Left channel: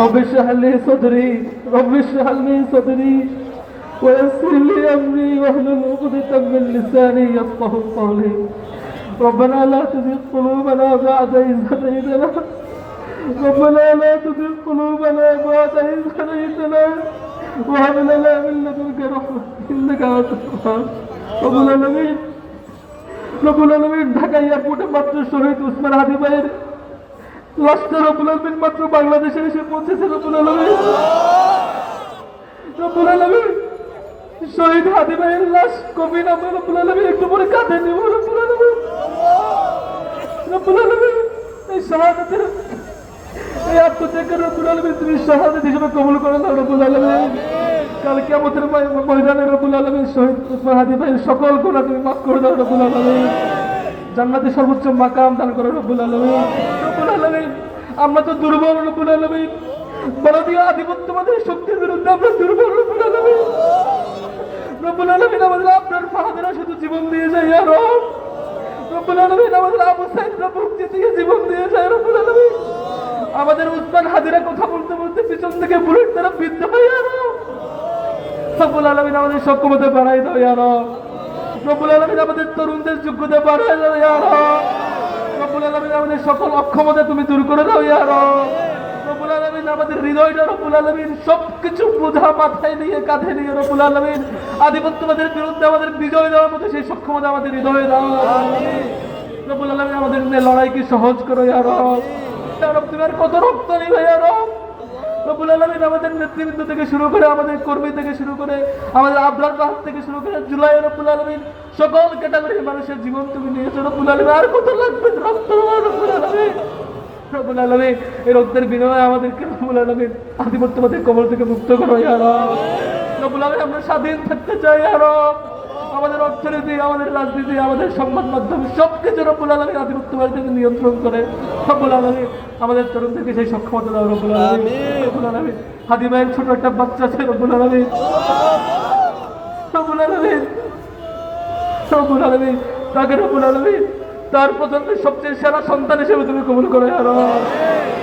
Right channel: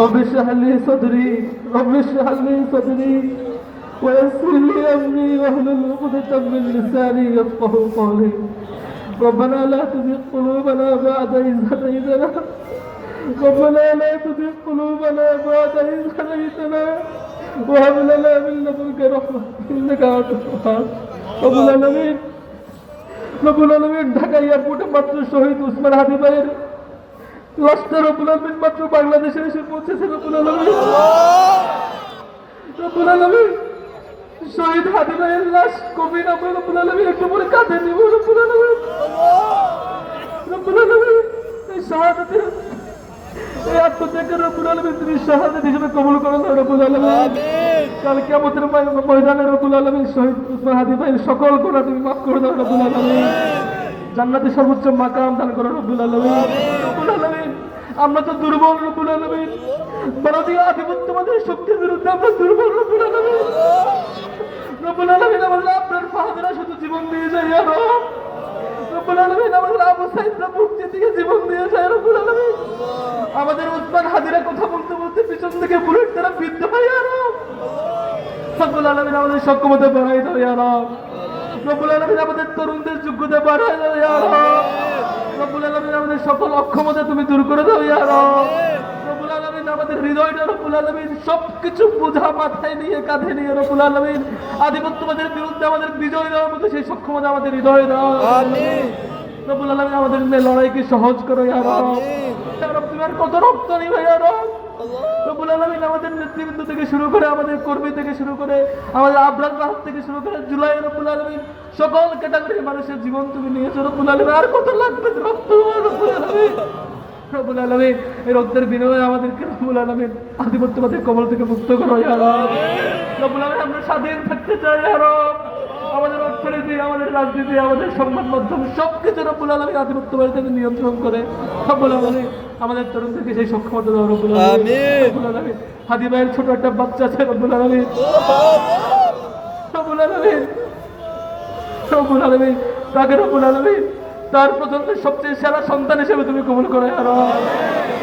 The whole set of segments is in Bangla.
رب اشرح لي صدري رب اشرح لي صدري ويسر لي أمري واحلل عقدة من لساني يفقهوا قولي ربنا لا تزغ قلوبنا بعد إذ هديتنا ربنا لا تزغ قلوبنا بعد إذ هديتنا وهب لنا من لدنك رحمة إنك أنت الوهاب رب العالمين রব্বুল আলামিন ঢাকা এয়ারপোর্টে মাত্র শহীদ উসমান হাদি ভাইয়ের লাশটা রব্বুল আলামিন মাত্র বাংলাদেশে এসে পৌঁছেছে রব্বুল আলামিন শহীদ হাদি ভাইয়ের লাশ কবি না রব্বুল আলামিন একটু পরে কাঁধে নিব রব্বুল আলামিন এই শাহাদাতের এই আত্মত্যাগের রব্বুল আলামিন তুমি শাহাদাত হিসেবে কবুল করে নাও রব্বুল আলামিন কাল কিয়ামতের ময়দানে রব্বুল আলামিন শহীদ উসমান হাদি ভাইয়ের সকল গুনাহ তুমি মাফ করে দাও রব্বুল আলামিন জান্নাতে সর্বোচ্চ মাকাম দান করো রব্বুল আলামিন আমরা তো দুর্বল রব্বুল আলামিন ভারতীয় আধিপত্যবাদের শক্তির বিরুদ্ধে আমরা দুর্বল রব্বুল আলামিন আমাদের আপনার ফাহাদেরা শুধু জীবন দিয়ে যায় আর রব্বুল আলামিন আমাদের আবু সাইদরা মুক্তি দিয়ে জীবন দিয়ে যায় রব্বুল আলামিন আমাদের উসমান হাদিরা কথা বলতে বলতে পিছন থেকে বুলেট তারা বিদ্ধ হয় আর রব্বুল আলামিন আমাদের সক্ষমতা বাড়াই দাও ইয়া রব রব্বুল আলামিন আমাদের তরুণদের যোগ্যতা বাড়াই দাও ইয়া রব রব্বুল আলামিন আমাদের সকল অক্ষমতা তুমি দূর করে দাও ইয়া রব রব্বুল আলামিন আমাদের হৃদয়টা রব্বুল আলামিন সবকিছু বোঝা মাথায় নিয়ে কাঁধে নিয়ে রব্বুল আলামিন আধিপত্যবাদের বিরুদ্ধে আমাদের বিজয় দেওয়ার মতো সেই সক্ষমতা আমাদের হৃদয়ে দাও আমিন রব্বুল আলামিন আমাদের লড়াইকে সহজ করো ইয়া রব ইয়া রব তুমি আর কত রক্ত নিবে ইয়া রব রব্বুল আলামিন আমাদের নেতৃবৃন্দ থেকে শুরু করে আমাদের কর্মী থেকে শুরু করে আমাদের আবরার রাহাত থেকে শুরু করে জুলাই রব্বুল আলামিন সকল ক্যাটাগরির মানুষের জীবন তুমি নিয়েছো রব্বুল আলামিন আর কত লাগবে রক্ত রব্বুল আলামিন এই রক্তের বিনিময়ে আমাদেরকে রব্বুল আলামিন আধিপত্যবাদের কবল থেকে মুক্ত করো ইয়া রব রব্বুল আলামিন আমরা স্বাধীন থাকতে চাই ইয়া রব আমাদের অর্থনীতি আমাদের রাজনীতি আমাদের সংবাদ মাধ্যম সবকিছু রব্বুল আলামিন আধিপত্যবাদ থেকে নিয়ন্ত্রণ করে রব্বুল আলামিন আমাদের তরুণদেরকে সেই সক্ষমতা দাও রব্বুল আলামিন হাদি ভাইয়ের ছোট একটা বাচ্চা আছে রব্বুল আলামিন তাকে রব্বুল আলামিন তার পর্যন্ত সবচেয়ে সেরা সন্তান হিসেবে তুমি কবুল করে আর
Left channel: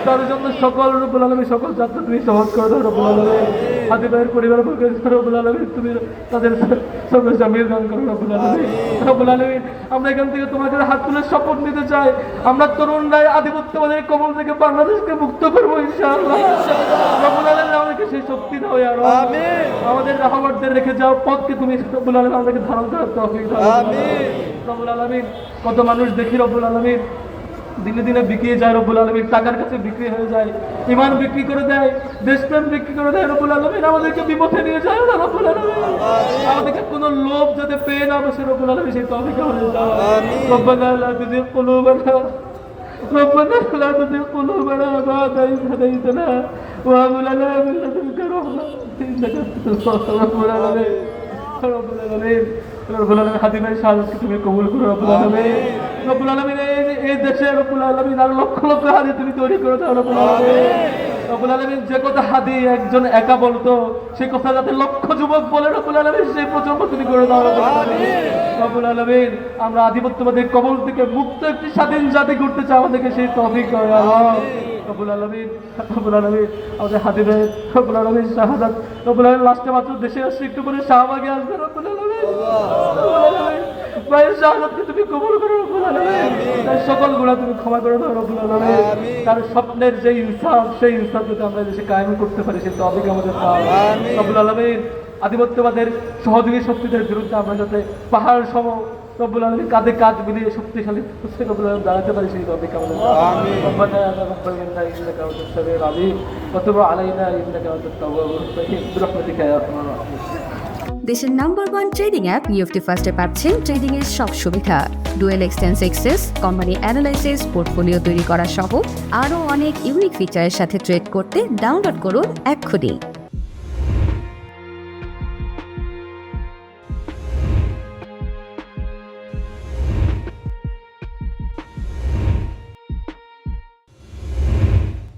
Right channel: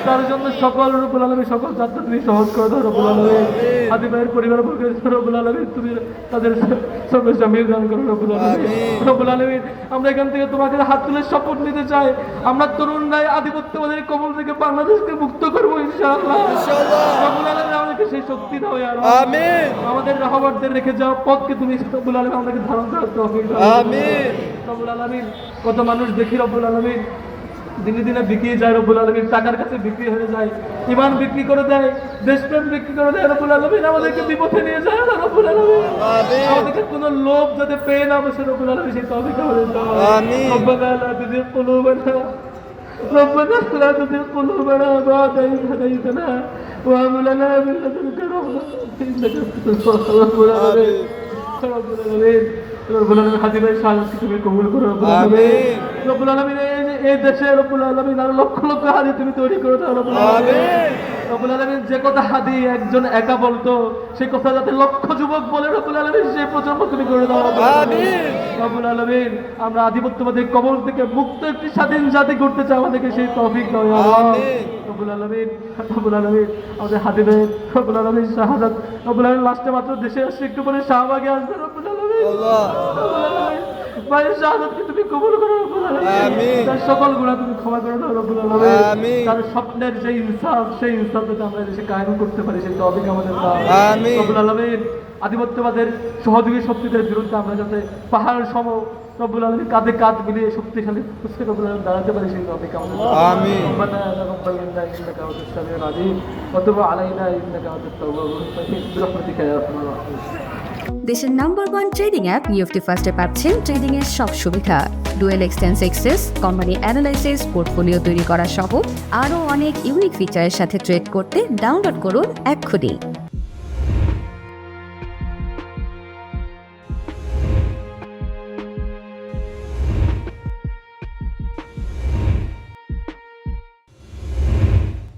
তার জন্য সকল রব্বুল আলামিন সকল যাত্রা তুমি সহজ করে দাও রব্বুল আলামিন হাদি ভাইয়ের পরিবারবর্গের রব্বুল আলামিন তুমি তাদের সঙ্গে জামিল দান করো রব্বুল আলামিন আমরা এখান থেকে তোমাকে হাত তুলে শপথ নিতে চাই আমরা তরুণরা আধিপত্যবাদের কবল থেকে বাংলাদেশকে মুক্ত করবো ইনশাআল্লাহ রব্বুল আলামিন আমাদেরকে সেই শক্তি দাও ইয়া রব আমিন আমাদের রাহবরদের রেখে যাও পথকে তুমি রব্বুল আলামিন আমাদেরকে ধারণ করার তৌফিক দাও আমিন রব্বুল আলামিন কত মানুষ দেখি রব্বুল আলামিন দিনে দিনে বিক্রি যায় রব্বুল আলামিন টাকার কাছে বিক্রি হয়ে যায় ঈমান বিক্রি করে দেয় দেশপ্রেম বিক্রি করে দেয় রব্বুল আলামিন আমাদেরকে বিপথে নিয়ে যায় না রব্বুল আলামিন আমাদেরকে কোনো লোভ যাতে পেয়ে না বসে রব্বুল আলামিন সেই তৌফিক আমাদের দাও আমিন রব্বানা লা তুযিগ কুলুবানা ربنا لا تزغ قلوبنا بعد إذ هديتنا وهب لنا من لدنك رحمة إنك أنت الوهاب রব্বুল আলামিন হাদি ভাই শাহাদাত তুমি কবুল করো রব্বুল আলামিন এই দেশে রব্বুল আলামিন আর লক্ষ লক্ষ হাদি তুমি তৈরি করে দাও রব্বুল আলামিন যে কথা হাদি একজন একা বলতো সেই কথা যাতে লক্ষ যুবক বলে রব্বুল আলামিন সেই প্রজন্ম তুমি করে দাও রব্বুল আলামিন আমরা আধিপত্যবাদের কবল থেকে মুক্ত একটি স্বাধীন জাতি করতে চাই আমাদেরকে সেই তৌফিক দাও রব্বুল আলামিন আমাদের হাদি ভাই রব্বুল আলামিন শাহাদাত রব্বুল আলামিন লাস্টে মাত্র দেশে আসছে একটু পরে শাহবাগে আসবে রব্বুল আলামিন ভাই শাহাদাতকে তুমি কবুল করো রব্বুল আলামিন তার সকল গুনাহ তুমি ক্ষমা করে দাও রব্বুল আলামিন তার স্বপ্নের যে ইনসাফ সেই ইনসাফ যাতে আমরা দেশে কায়েম করতে পারি সেই তৌফিক আমাদের দাও রব্বুল আলামিন আধিপত্যবাদের সহযোগী শক্তিদের বিরুদ্ধে আমরা যাতে পাহাড় সম রব্বুল আলামিন কাঁধে কাঁধ মিলিয়ে শক্তিশালী রব্বুল আলামিন দাঁড়াতে পারি সেই তৌফিক আমাদের দাও আমিন রব্বানা তাকাব্বাল ইন্নাকা আনতাস সামিউল আলিম ওয়া তুব আলাইনা ইন্নাকা আনতাত তাওয়াবুর রহিম বিরহমাতিকা ইয়া আরহামার রাহিমিন দেশের নাম্বার 1 ট্রেডিং অ্যাপ নিফটি ফার্স্টে পাচ্ছেন ট্রেডিং এর সব সুবিধা dual exchange access company analysis portfolio তৈরি করা সহ আরও অনেক ইউনিক ফিচারের সাথে ট্রেড করতে ডাউনলোড করুন এক্ষুনি